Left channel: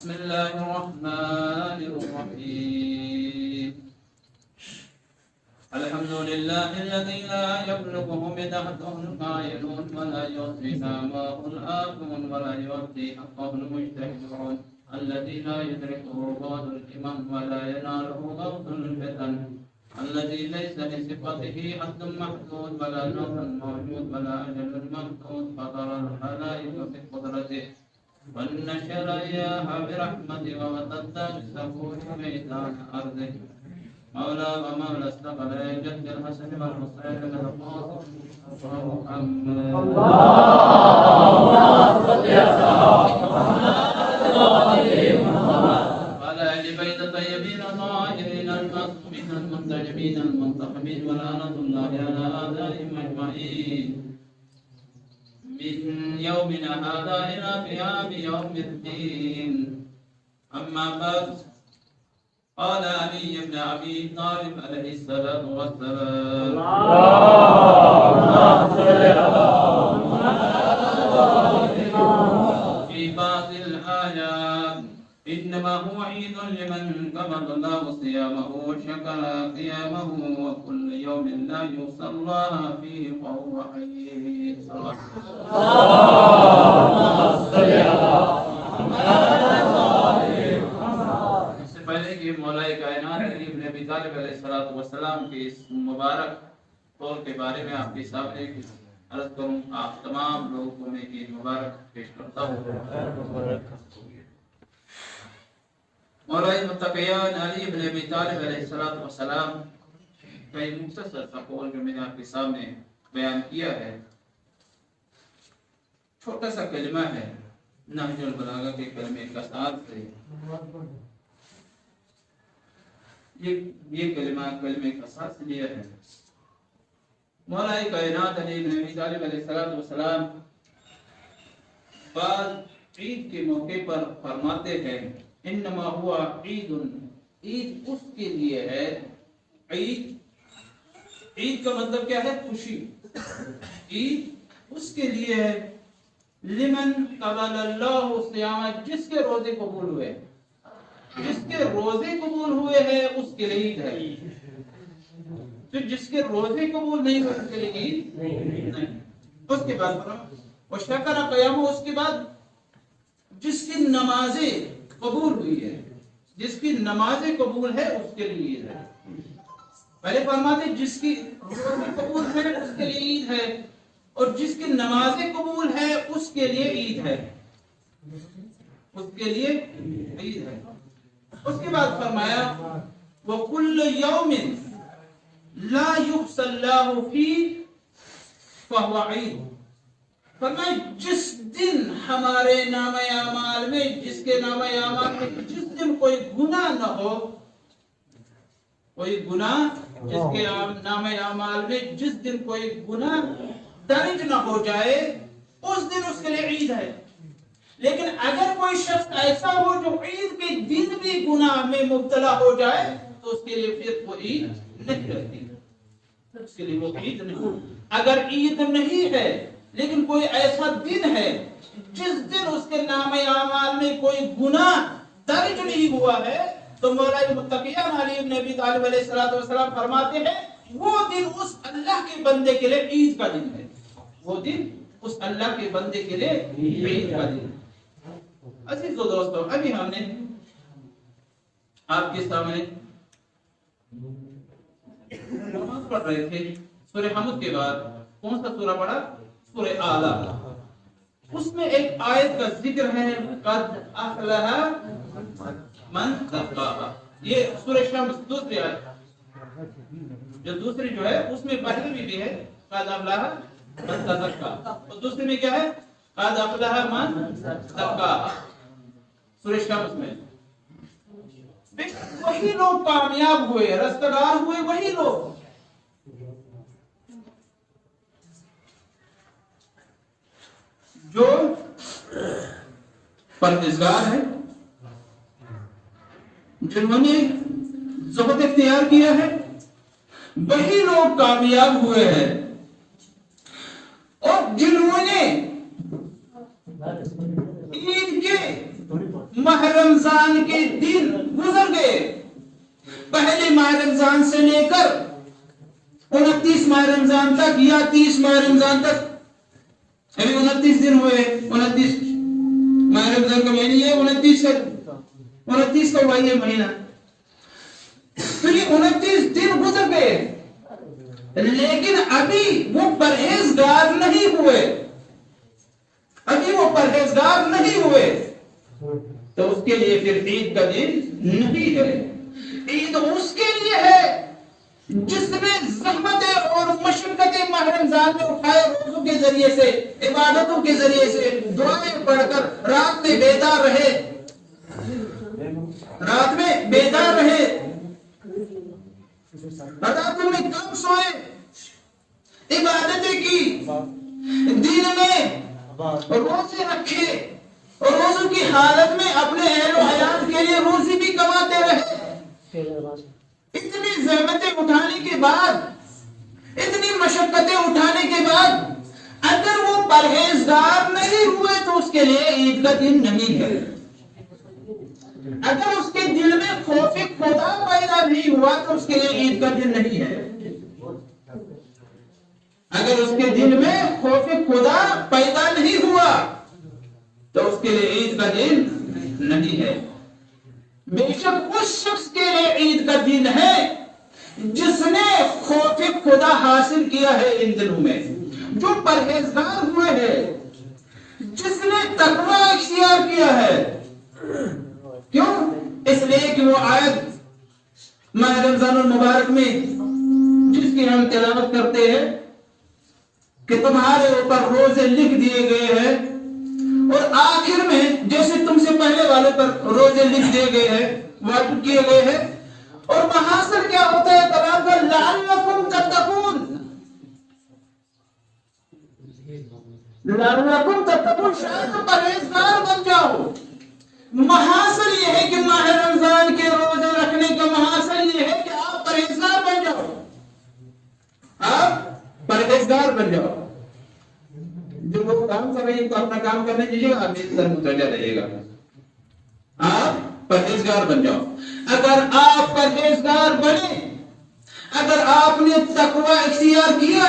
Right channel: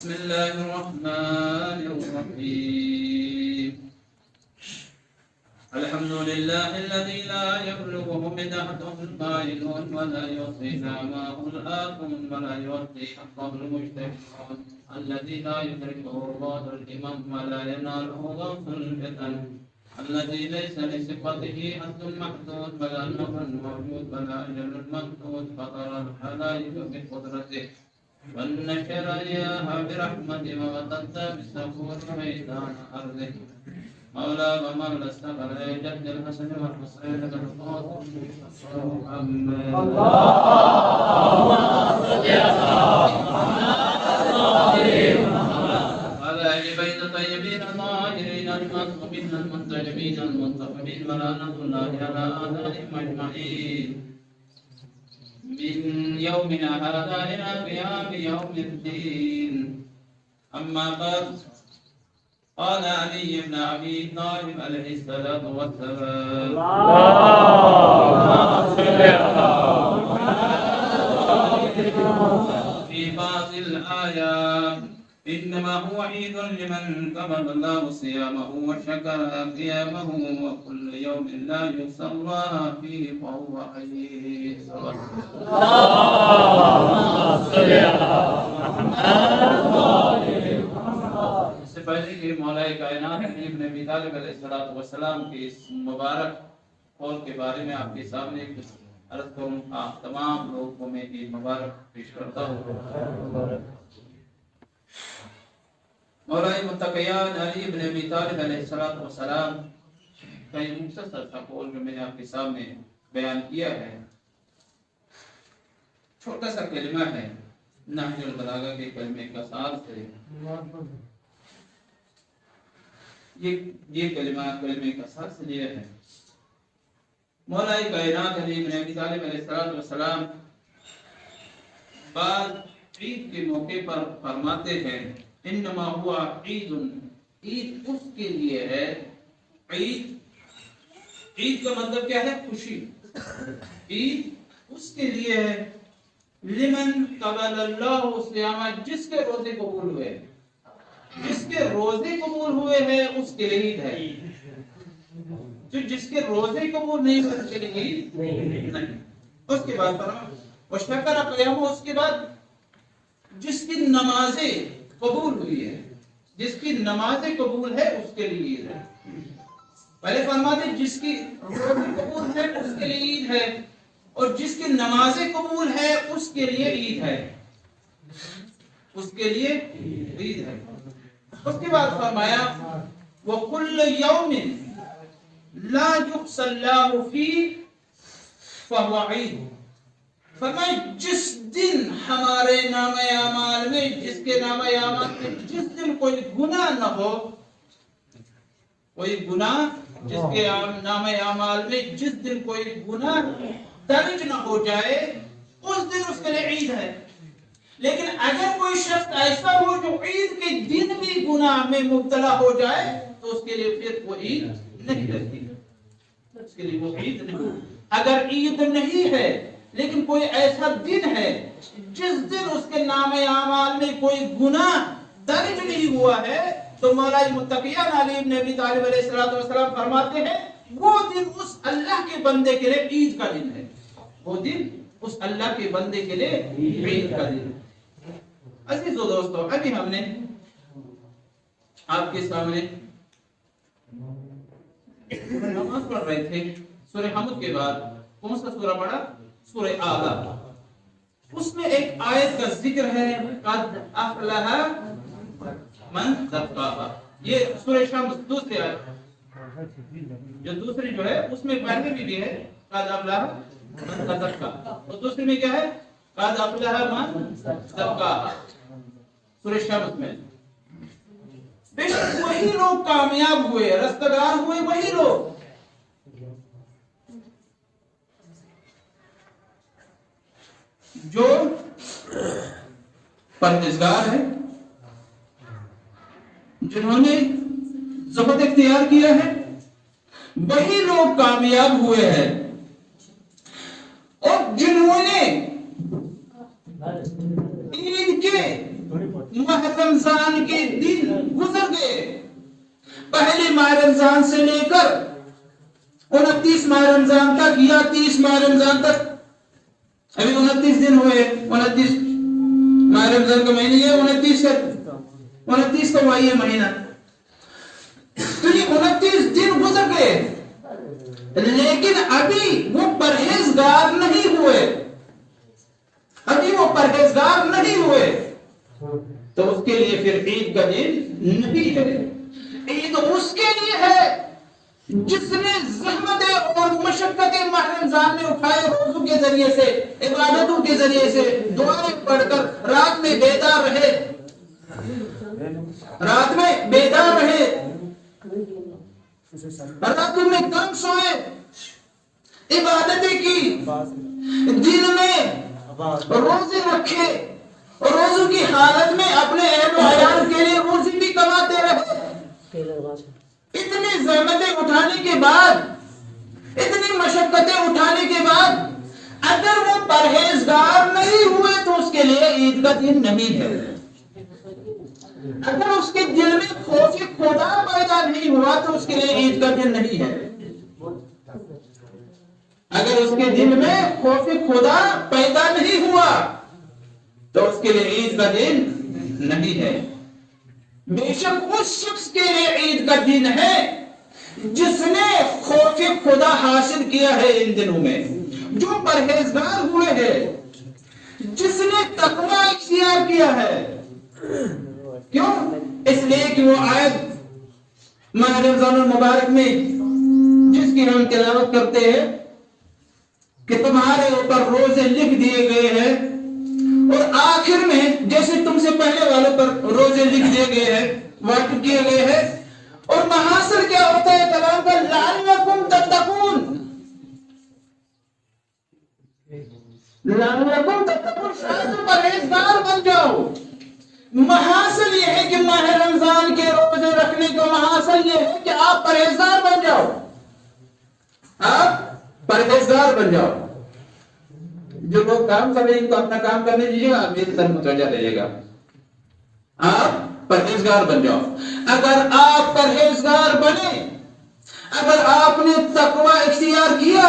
بسم الله الرحمن الرحيم الحمد لله الذي لا يبلغه بدحته القائلون ولا يحصي نعمه الآكون ولا يؤتي حقه المجتهدون الذي لا يدركه بعد الإمام ولا يناله غوث الفتن الذي ليس لصفته حد محدود ولا نوع موجود ولا أجل ممدود فطر الخلائق بقدرته والنشر إياها برحمته ووتد بالسفور ميدان أرضه مولى ومولى السفر جد الحسن والحسين بالقاسم محمد اللهم صل على وعلى آل بيت الطيبين الطاهرين المعصومين المنتجبين المنتقمين ولعنة الله على آثارهم أجمعين من يومنا هذا إلى قيام يوم الدين. أما بعد قال علي بن أبي طالب عليه الصلاة والسلام في بعض الآيات إنما هو عيد لمن كمل الله صيامه وشكر قيامه وكل يوم لا يحصى الله فيه فهو عيد. اس سے پہلے کہ مولا کائنات علی ابن ابی طالب علیہ الصلوۃ والسلام کی اس مبارک قول کے بارے میں آپ کے سامنے کچھ عرض کروں. آپ تمام لوگوں کو میں عید مبارک پیش کرتا ہوں. مولا متقیان علی ابن ابی طالب علیہ الصلوۃ والسلام کا یہ مختصر سا قول جو میں نے آپ کے سامنے بیان کیا ہے، چھوٹا سا کلمہ ہے، نہج البلاغہ کے کلمے کا ساتھ ہے. یہ کلمے کا ساتھ لیا ہے. مولا کائنات علی ابن ابی طالب علیہ السلام بعد عید کے موقع پر فرماتے ہیں انما ہوا عید، عید اس کے لیے ہے. عید کا مطلب کیا ہے؟ خوشی. عید اس کے لیے ہے لمن قبل اللہ صیام، جس کے روزے قبول ہوئے، جس کے روزے قبول ہوئے ہیں اس کے لیے عید ہے. تو جس کے روزے قبول نہیں ہوئے اس کے لیے عید نہیں. اس کے بعد وشکر قیامہ، اس کے بعد جس کی نمازیں قبول ہوئی ہے، جس کی نمازیں قبول ہے اس کے لیے عید ہے. پہلے فرماتے جس کی روزے قبول ہے اس کے لیے عید ہے، اور جس کی نمازیں قبول ہے اس کے لیے عید ہے. اس کے لیے عید ہے. اس کے بعد فرمایا وَكُلَّ يَوْمٍ لَا يُحْصَى اللَّهُ فِيهِ فَهُوَ عِيدٌ. فرمایا جس دن ہمارے نامہ اعمال میں، جس کے نامہ اعمال میں جس دن کوئی گناہ نہ ہو، کوئی گناہ جس کے نامہ اعمال میں جس دن کوئی گناہ درج نہ ہو جائے اس دن اس کے لیے عید ہے. لیکن اگر کوئی شخص ایسا ہو جو عید کے دن بھی گناہ میں مبتلا ہو جائے تو اس کے لیے پھر وہ عید نہیں رہتی، اس کے لیے وہ عید نہیں. اگر عید نہیں ہے لیکن کوئی ایسا دن ہے جس دن اس کے نام اعمال میں کوئی گناہ درج نہیں ہوا ہے تو مولا متقیان علی ابن ابی طالب علیہ السلام فرماتے ہیں وہ دن اس اللہ کے بندے کے لیے عید کا دن ہے. وہ دن اس اللہ کے بندے کے لیے عید کا دن ہے. عزیز و دوستو، ابھی ہم نے آپ کے سامنے نماز پڑھ رہے تھے. سورہ حمد کے بعد کون سا سورہ پڑھا؟ سورہ اعلیٰ. اس میں ایک آیت کا ذکر ہے قد افلح من زکاہا. یہ سورہ شمس دوسری آیت جو دوسری جو ہے اس میں پہلے بھی ہے قد افلح من زکاہا، اور دوسری میں کیا ہے؟ قد افلح من زکاہا. سورہ شمس میں بے شک وہی لوگ کامیاب ہوئے، رستگار ہوئے، وہی لوگ جو پرہیزگار ہیں، جنہوں نے زہد اختیار کیا ہے، وہی لوگ کامیاب ہوئے ہیں. اور جنہوں نے عید کے माह रमजान के दिन गुजर गए। पहले माह रमजान से लेकर 29 माह रमजान तक या 30 माह रमजान तक, अभी 29 दिन हुए, 29 माह रमजान का महीना है, 29 का हुआ ये महीना। तो ये 29 दिन गुजर गए, लेकिन अभी वो परहेजगार नहीं हुए, अभी वो परहेजगार नहीं हुए, तो उसके लिए फिर ईद का दिन नहीं है। ईद उसके लिए है जिसने ज़हमतें और मशक्क़तें माह रमज़ान में उठाए, रोज़ों के जरिए से, इबादतों के जरिए से, दुआएं पढ़कर रात में बेदार रहे, रात में बेदार रहे, रातों में कम सोए, इबादतें की, दिन में रोजे रखे और रोजों की हालत में अपने अहल व अयाल के लिए रोजी भी कमाते रहे। इतनी ज़हमतें उठाने के बाद, इतनी मशक्कतें उठाने के बाद अगर वो परहेजगार नहीं हुए तो उसके लिए ईद का दिन नहीं है। अगर उसके दिल में खौफ खुदा पैदा नहीं हुआ तो उसके लिए ईद का दिन नहीं है। अगर उसके दिल में खौफ खुदा पैदा नहीं हुआ तो उसके लिए ईद का दिन नहीं है। बेशक उस शख्स के लिए ईद का दिन है जिसने खौफ खुदा हासिल किया है इन दिनों में, जो परहेजगार हुए हैं, जिसने तकवा इख्तियार किया है। क्यों? इसलिए कि वो आयत माह रमज़ानुल मुबारक में जिसकी हम तिलावत करते हैं कि तुम्हारे ऊपर रोजे लिख दिए गए हैं, और आखिर में जैसे तुमसे पहले वालों पर रोजे लिख दिए गए हैं, वाजिब किए गए हैं, और महासर क्या होता है कलाम का, लअल्लकुम तत्तकून, लअल्लकुम तत्तकून, शायद तुम परहेजगार बन जाओ। महासर यह है कि माह रमजान के रोजे रखने का महासर यह है कि आप परहेजगार बन जाओ, आप परहेजगार बन जाओ। जो लोग काम कर रहे हैं इनको अपना काम करने दीजिएगा, आप मेरी तरफ मुतवज्जह रहिएगा, आप परहेजगार बन जाओ। अगर आप परहेजगार बने, अगर आपने तकवा इख्तियार किया,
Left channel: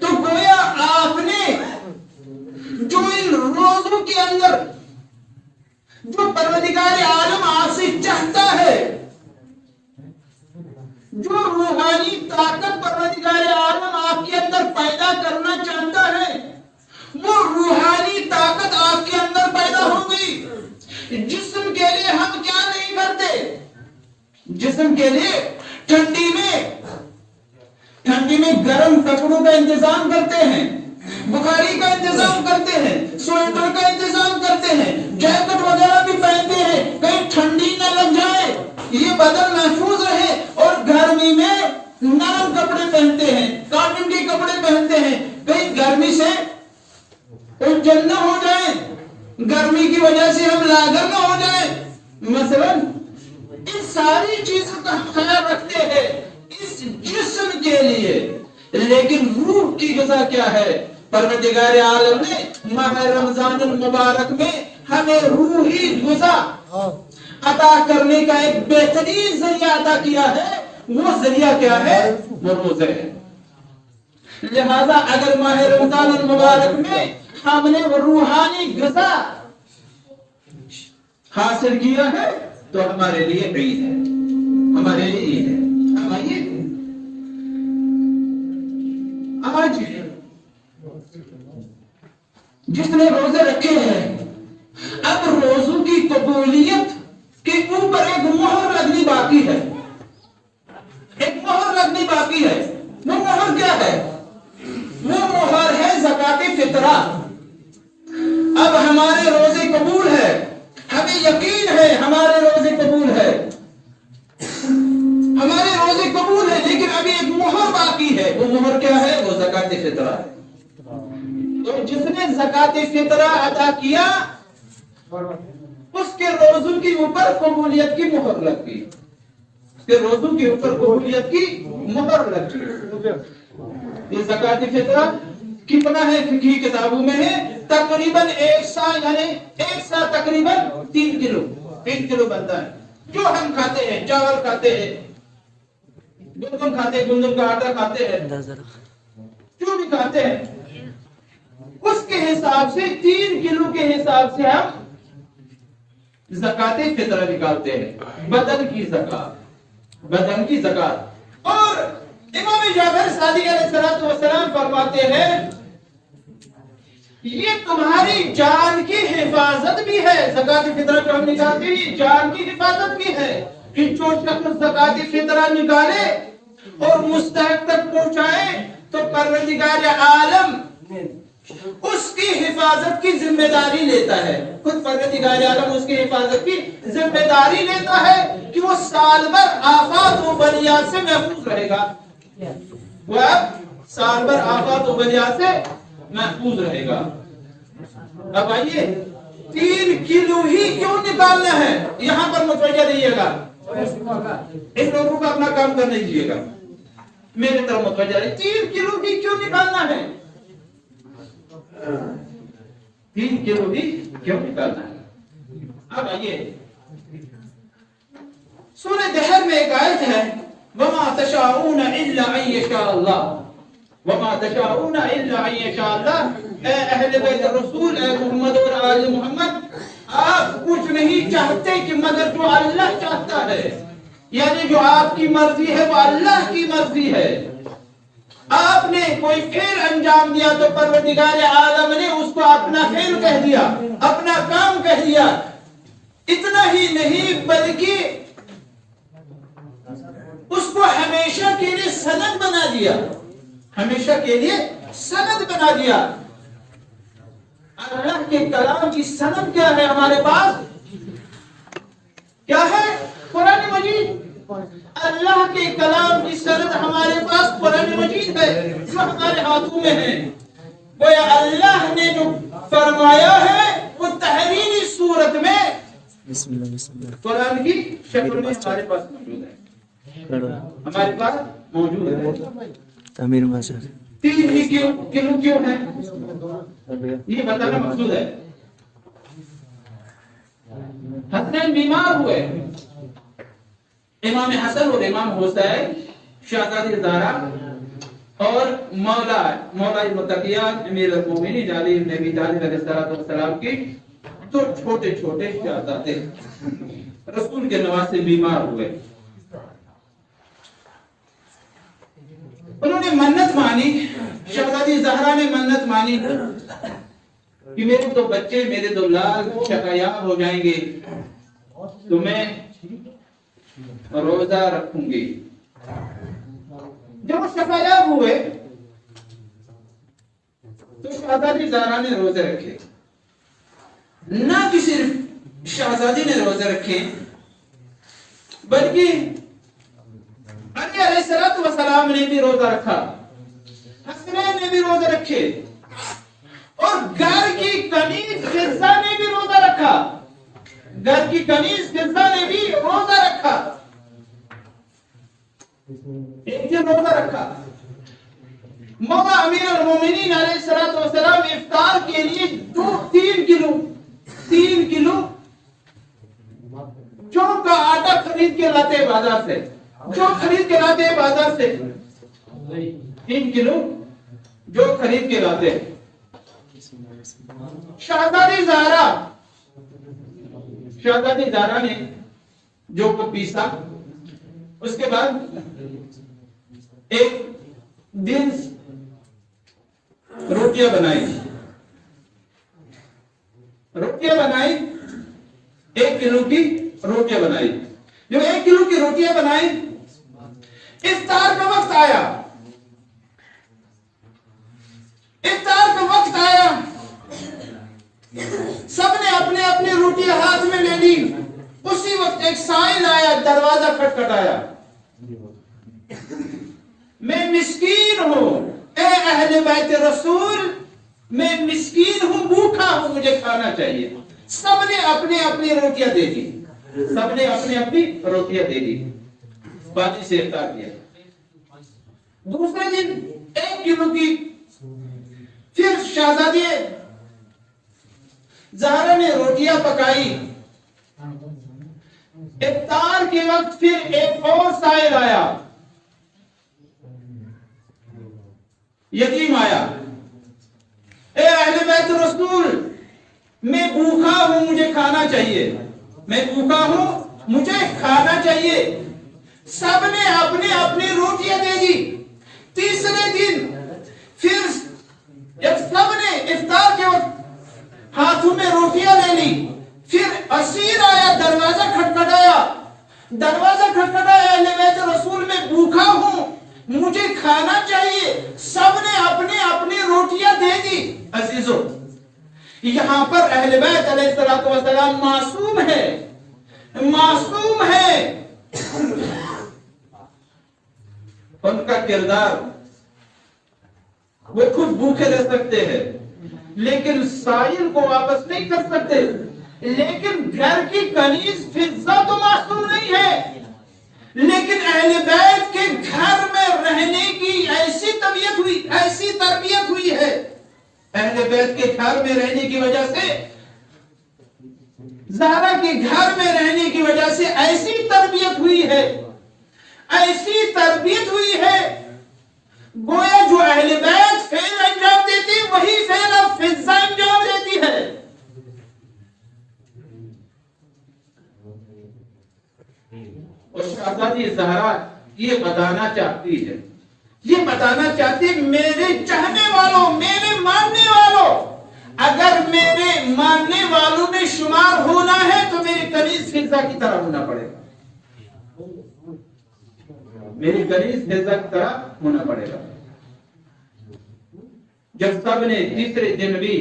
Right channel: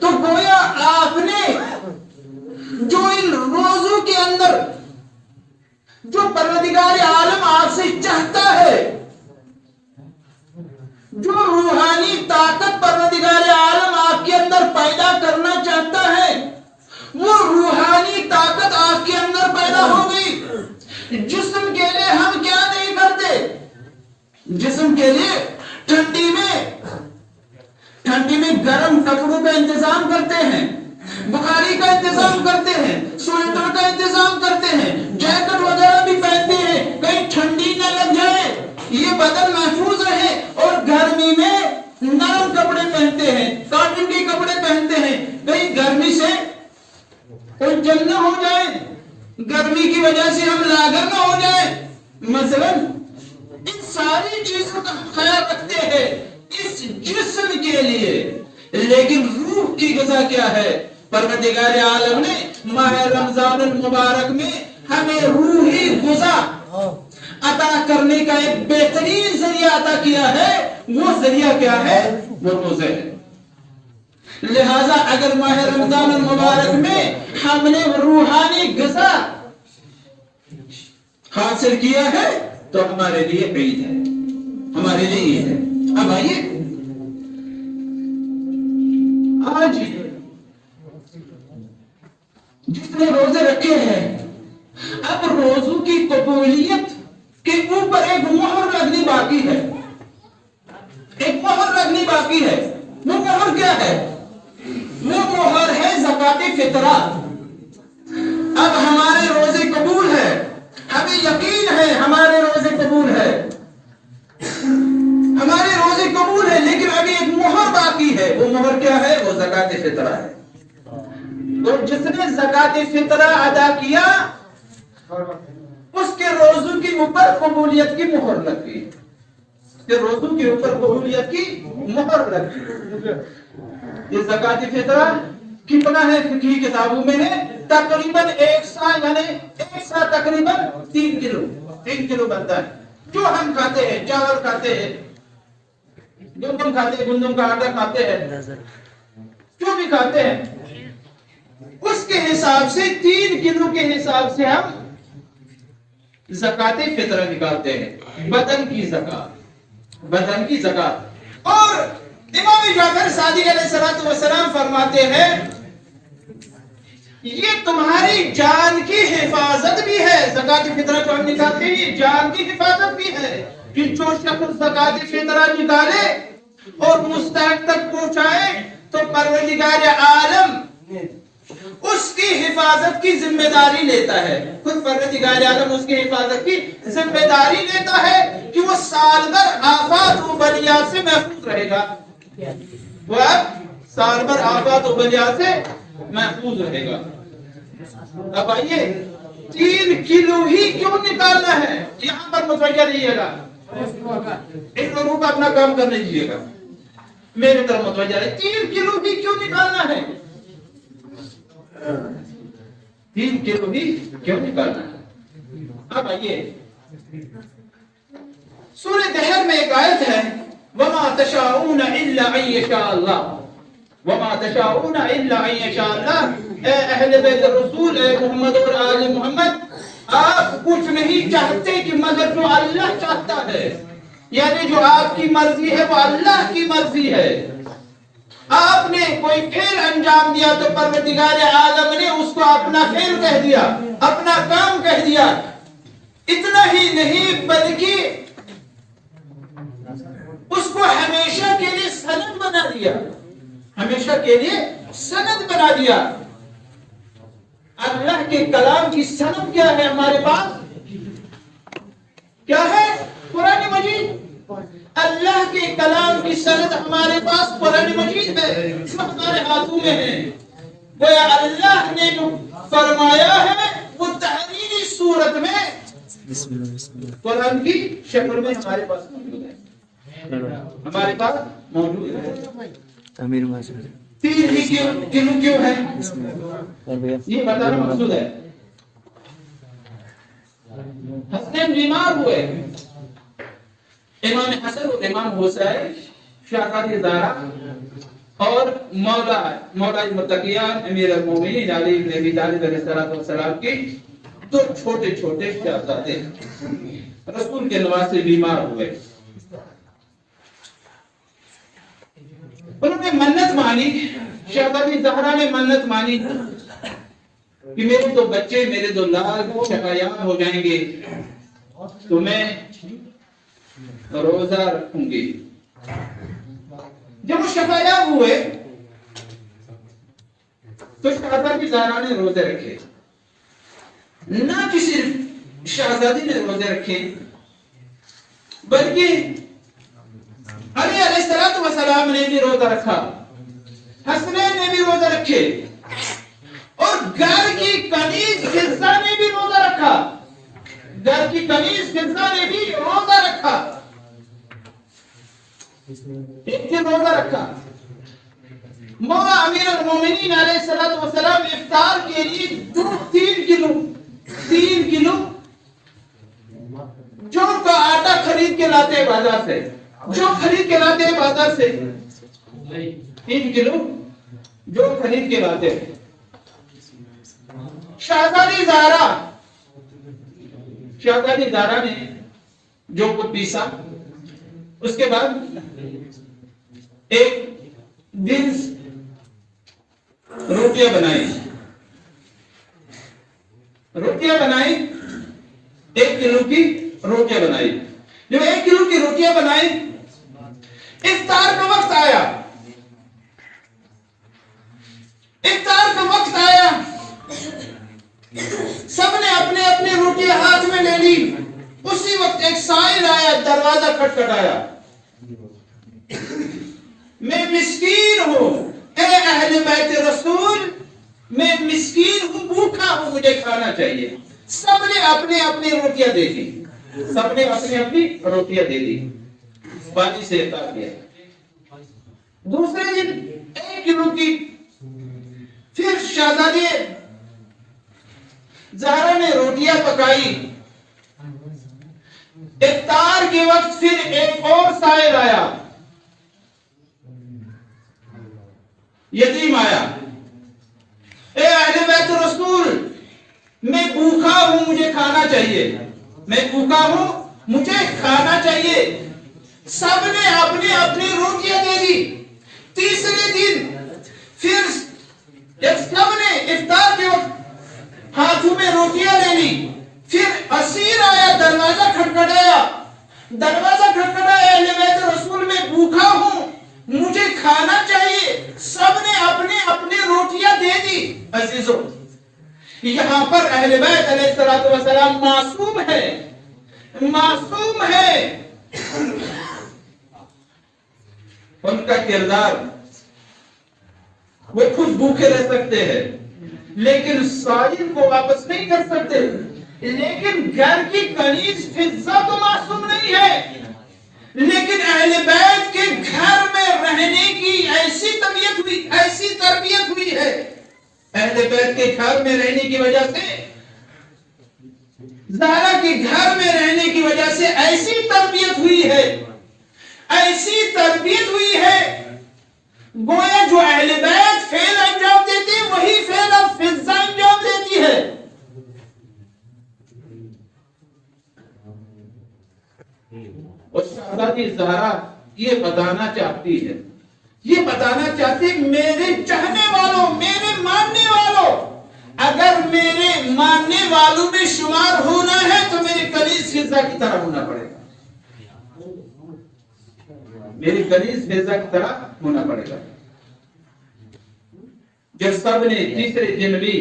तो गोया आपने जो इन रोजों के अंदर जो परवरदिगार आलम आपसे चाहता है, जो रूहानी ताकत परवरदिगार आलम आपके अंदर पैदा करना चाहता है, वो रूहानी ताकत आपके अंदर पैदा हो गई। जिस्म के लिए हम क्या नहीं करते, जिस्म के लिए ठंडी में गर्म कपड़ों का इंतजाम करते हैं, बुखारी का इंतजाम करते हैं, स्वेटर का इंतजाम करते हैं, जैकेट वगैरह भी पहनते हैं, कहीं ठंडी न लग जाए, ये बदन महफूज रहे, और गर्मी में नरम कपड़े पहनते हैं, कॉटन के कपड़े पहनते हैं, कहीं गर्मी से कोई जंग न हो जाए, गर्मी की वजह से हम लागर न हो जाए, मसलन इन सारी चीजों का ख्याल रखते हैं इस जिस्म के लिए। लेकिन रूह की ग़िज़ा क्या है? परवरदिगार आलम ने माह रमज़ानुल मुबारक में हमें रूही ग़िज़ा अता करने का एक बेहतरीन जरिया अता किया है। वो जरिया क्या है? वो रोज़े है। लिहाजा अगर माह रमज़ानुल मुबारक में हमने रूहानी ग़िज़ा हासिल किया है तो हमारे लिए ईद है, हमारे लिए ईद है। अब आइए, आज जिसने रोजे रखे हैं, अब रोजों की कबूलियत के ऊपर एक मोहर लगनी बाकी है, एक मोहर लगनी बाकी है। वो मोहर क्या है? वो मोहर है ज़कात फितरा। अब हमारे रोजे कबूल है, हमें यकीन है हमारे रोजे कबूल है, हमारे रोजे कबूल है, लेकिन अभी एक मोहर बाकी है। वो मोहर क्या है? वो ज़कात फितरा है। तो जिसने ज़कात फितरा अदा किया उसके रोजों के ऊपर कबूलियत की मोहर लग गई, उसके रोजों के ऊपर कबूलियत की मोहर लग गई। ये ज़कात फितरा कितना है? फिक़ही किताबों में है तकरीबन एक सा यानी एक सा तकरीबन 3 किलो बनता है। जो हम खाते हैं, चावल खाते हैं, गंदम खाते हैं, गंदम का आटा खाते हैं, जो भी खाते हैं, उसके हिसाब से 3 किलो के हिसाब से हम ज़कात फितर निकालते हैं, बदन की ज़कात। और इमाम जाफर सादिक अलैहिस्सलातु वस्सलाम फरमाते हैं ये तुम्हारी जान की हिफाजत भी है। ज़कात फितर जो हम निकालते हैं ये जान की हिफाजत भी है कि जो शख्स ज़कात फितर निकाले और मुस्तहक तक पहुंचाए तो परवरदिगार आलम उसकी हिफाजत की जिम्मेदारी लेता है। खुद परवरदिगार आलम उसकी हिफाजत की जिम्मेदारी लेता है कि वो साल भर आफात व बलियात से महफूज रहेगा। वह साल भर आफात व बलियात से महफूज रहेगा। अब आइए 3 किलो ही क्यों निकालना है, यहाँ पर मुतवज्जह रहिएगा। इन लोगों को अपना काम करने दीजिएगा, मेरे तरफ मुतवज्जह रहिए। 3 किलो ही क्यों निकालना है, 3 किलो ही क्यों निकालना है। अब आइए सूरह दहर में एक आयत है, वमा तशाऊन इल्ला अन यशा अल्लाह, वमा तशाऊन इल्ला अन यशा अल्लाह। अहले बैत रसूल मोहम्मद और आले मोहम्मद, आप कुछ नहीं चाहते कि मगर जो अल्लाह चाहता है, यानी जो आपकी मर्जी है वो अल्लाह की मर्जी है। आपने कोई फेल अंजाम दिया तो परवरदिगार आलम ने उसको अपना फेल कह दिया, अपना काम कह दिया। इतना ही नहीं बल्कि उसको हमेशा के लिए सनद बना दिया, हमेशा के लिए सनद बना दिया। अल्लाह के कलाम की सनद क्या है हमारे पास, क्या है? कुरान मजीद। अल्लाह के कलाम की सनद हमारे पास कुरान मजीद है जो हमारे हाथों में है। वो अल्लाह ने जो फरमाया है वो तहरीरी सूरत में कुरान की शक्ल में हमारे पास मौजूद है, हमारे पास मौजूद है। 3 ही किलो क्यों है ये बताना मकसूद है। हसनैन बीमार हुए, इमाम हसन और इमाम हुसैन, शहजादी ज़हरा और मौला मुत्तकियान अमीर अल-मोमिनीन अली इब्न अबी तालिब अलैहिस्सलाम की 2 छोटे शहजादे रसूल के नवासे बीमार हुए। उन्होंने मन्नत मानी, शहजादी ज़हरा ने मन्नत मानी कि मेरे 2 बच्चे, मेरे 2 लाल शकायाब हो जाएंगे तो मैं रोजा रखूंगी। जब वो शकायाब हुए तो शहजादी ज़हरा ने रोजे रखे। ना कि सिर्फ शहजादी ने रोजे रखे बल्कि अली अलैहिस्सलातु वस्सलाम ने भी रोजा रखा, हसनैन ने भी रोजा रखे और घर की कनीज फिज़ा ने भी रोजा रखा, घर की कनीज फिज़ा ने भी रोजा रखा। एक दिन रोजा रखा। मौला अमीर अल-मोमिनीन अलैहिस्सलातु वस्सलाम इफ्तार के लिए 3 किलो जौ का आटा खरीद के लाते हैं बाजार से, जो खरीद के लाते हैं बाजार से 3 किलो जो खरीद के लाते हैं। शहजादी ज़हरा ने जो को पीसा, उसके बाद एक दिन रोटियां बनाई, 1 किलो की रोटियां बनाई। जब 1 किलो की रोटियां बनाई, इफ्तार का वक्त आया, सबने अपने अपने रोटियां हाथ में ले ली। उसी वक्त एक साइल आया, दरवाजा खटखटाया। मैं मिस्कीन हूं, ए अहले बैत रसूल, मैं मिस्कीन हूं, भूखा हूं, मुझे खाना चाहिए। सबने अपने अपनी रोटियां दे दी, सबने अपनी अपनी रोटियां दे दी, पानी से इफ्तार किया। दूसरे दिन 1 किलो की फिर शहजादी زہرا نے روٹیاں پکائی، افطار کے وقت پھر ایک اور سائل آیا، یتیم آیا، اے اہل بیت رسول میں بھوکا ہوں، مجھے کھانا چاہیے، میں بھوکا ہوں، مجھے کھانا چاہیے۔ سب نے اپنی اپنی روٹیاں دے دی۔ تیسرے دن پھر جب سب نے افطار کے وقت ہاتھوں میں روٹیاں لے لی، پھر اسیر آیا، دروازہ کھٹکھٹایا، اہل بیت رسول میں بھوکا ہوں، مجھے کھانا چاہیے۔ سب نے اپنی اپنی روٹیاں دے دی۔ عزیزو، یہاں پر اہل بیت علیہ الصلوۃ والسلام معصوم ہے، معصوم ہے۔ ان کا کردار، وہ خود بھوکے رہ سکتے ہیں لیکن سائل کو واپس نہیں کر سکتے، لیکن گھر کی کنیز فضہ تو معصوم نہیں ہے، لیکن اہل بیت کے گھر میں رہنے کی ایسی طبیعت ہوئی، ایسی تربیت ہوئی ہے، اہل بیت کے گھر میں رہنے کی وجہ سے، زہرا کے گھر میں رہنے کی وجہ سے ایسی تربیت ہوئی ہے، ایسی تربیت ہوئی ہے، گویا جو اہل بیت فعل انجام دیتی وہی فعل اب فضہ انجام دیتی ہے۔ اور شہزادی زہرا یہ بتانا چاہتی ہے، یہ بتانا چاہتی ہے، میرے چاہنے والوں، میرے ماننے والوں، اگر میرے ماننے والوں میں شمار ہونا ہے تو میری کنیز فضہ کی طرح ہونا پڑے گا، میری کنیز فضہ کی طرح ہونا پڑے گا۔ جب سب نے تیسرے دن بھی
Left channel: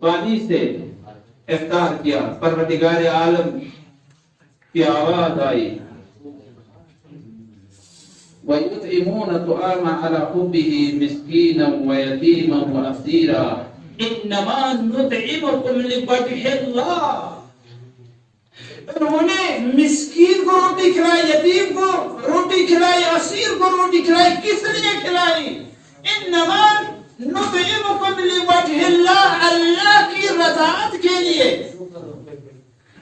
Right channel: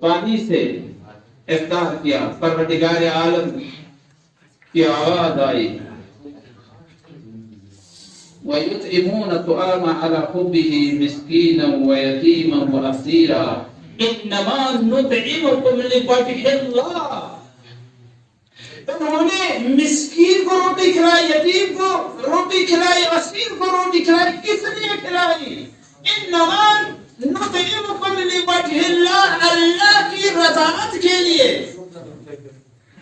پانی سے افطار کیا، پروردگار عالم کی آواز آئی، وَيُطْعِمُونَ الطَّعَامَ عَلَى حُبِّهِ مِسْكِينًا وَيَتِيمًا وَأَسِيرًا إِنَّمَا نُطْعِمُكُمْ لِوَجْهِ اللَّهِ۔ انہوں نے مسکین کو روٹی کھلائی، یتیم کو روٹی کھلائی، اسیر کو روٹی کھلائی، کس لیے کھلائی؟ انما نطعمکم لوجہ اللہ، اللہ کی رضاعت کے لیے،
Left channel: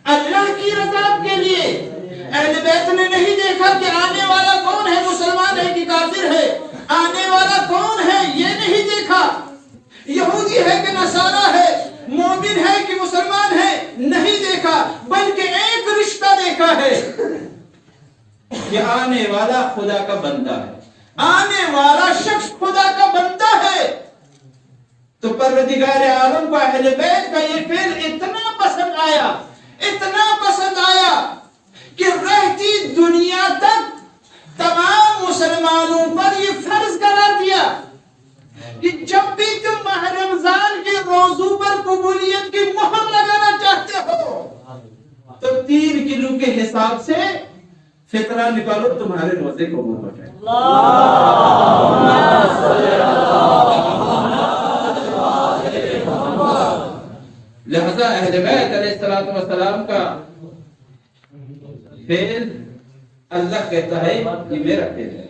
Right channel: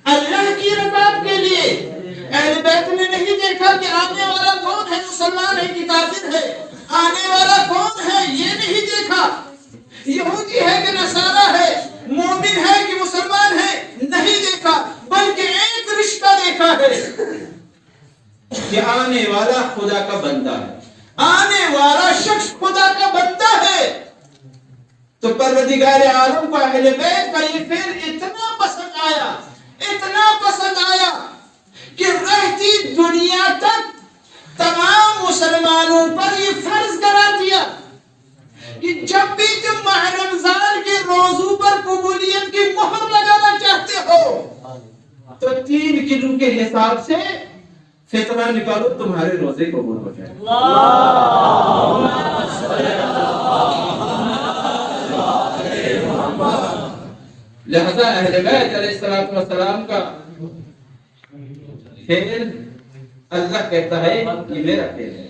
اللہ کی رضاعت کے لیے۔ اہل بیت نے نہیں دیکھا کہ آنے والا کون ہے، مسلمان ہے کہ کافر ہے، آنے والا کون ہے یہ نہیں دیکھا، یہودی ہے کہ نصارہ ہے، مومن ہے کہ مسلمان ہے نہیں دیکھا، بلکہ ایک رشتہ دیکھا ہے کہ آنے والا خدا کا بندہ ہے، آنے والا شخص خدا کا بندہ ہے۔ تو پروردگار عالم کو اہل بیت کا یہ فعل اتنا پسند آیا، اتنا پسند آیا کہ رہتی دنیا تک تمام مسلمانوں پر یہ فرض قرار دیا کہ جب بھی تم ماہ رمضان کے روزوں پر قبولیت کی مہر لگانا چاہتے ہو تو 3 کلو کے حساب سے فطرہ نکالو، تمہارے روزے قبول ہو جائے۔ لہذا اہل بیت علیہ السلام کا فعل اللہ کہتا ہے یہ میرا فعل ہے،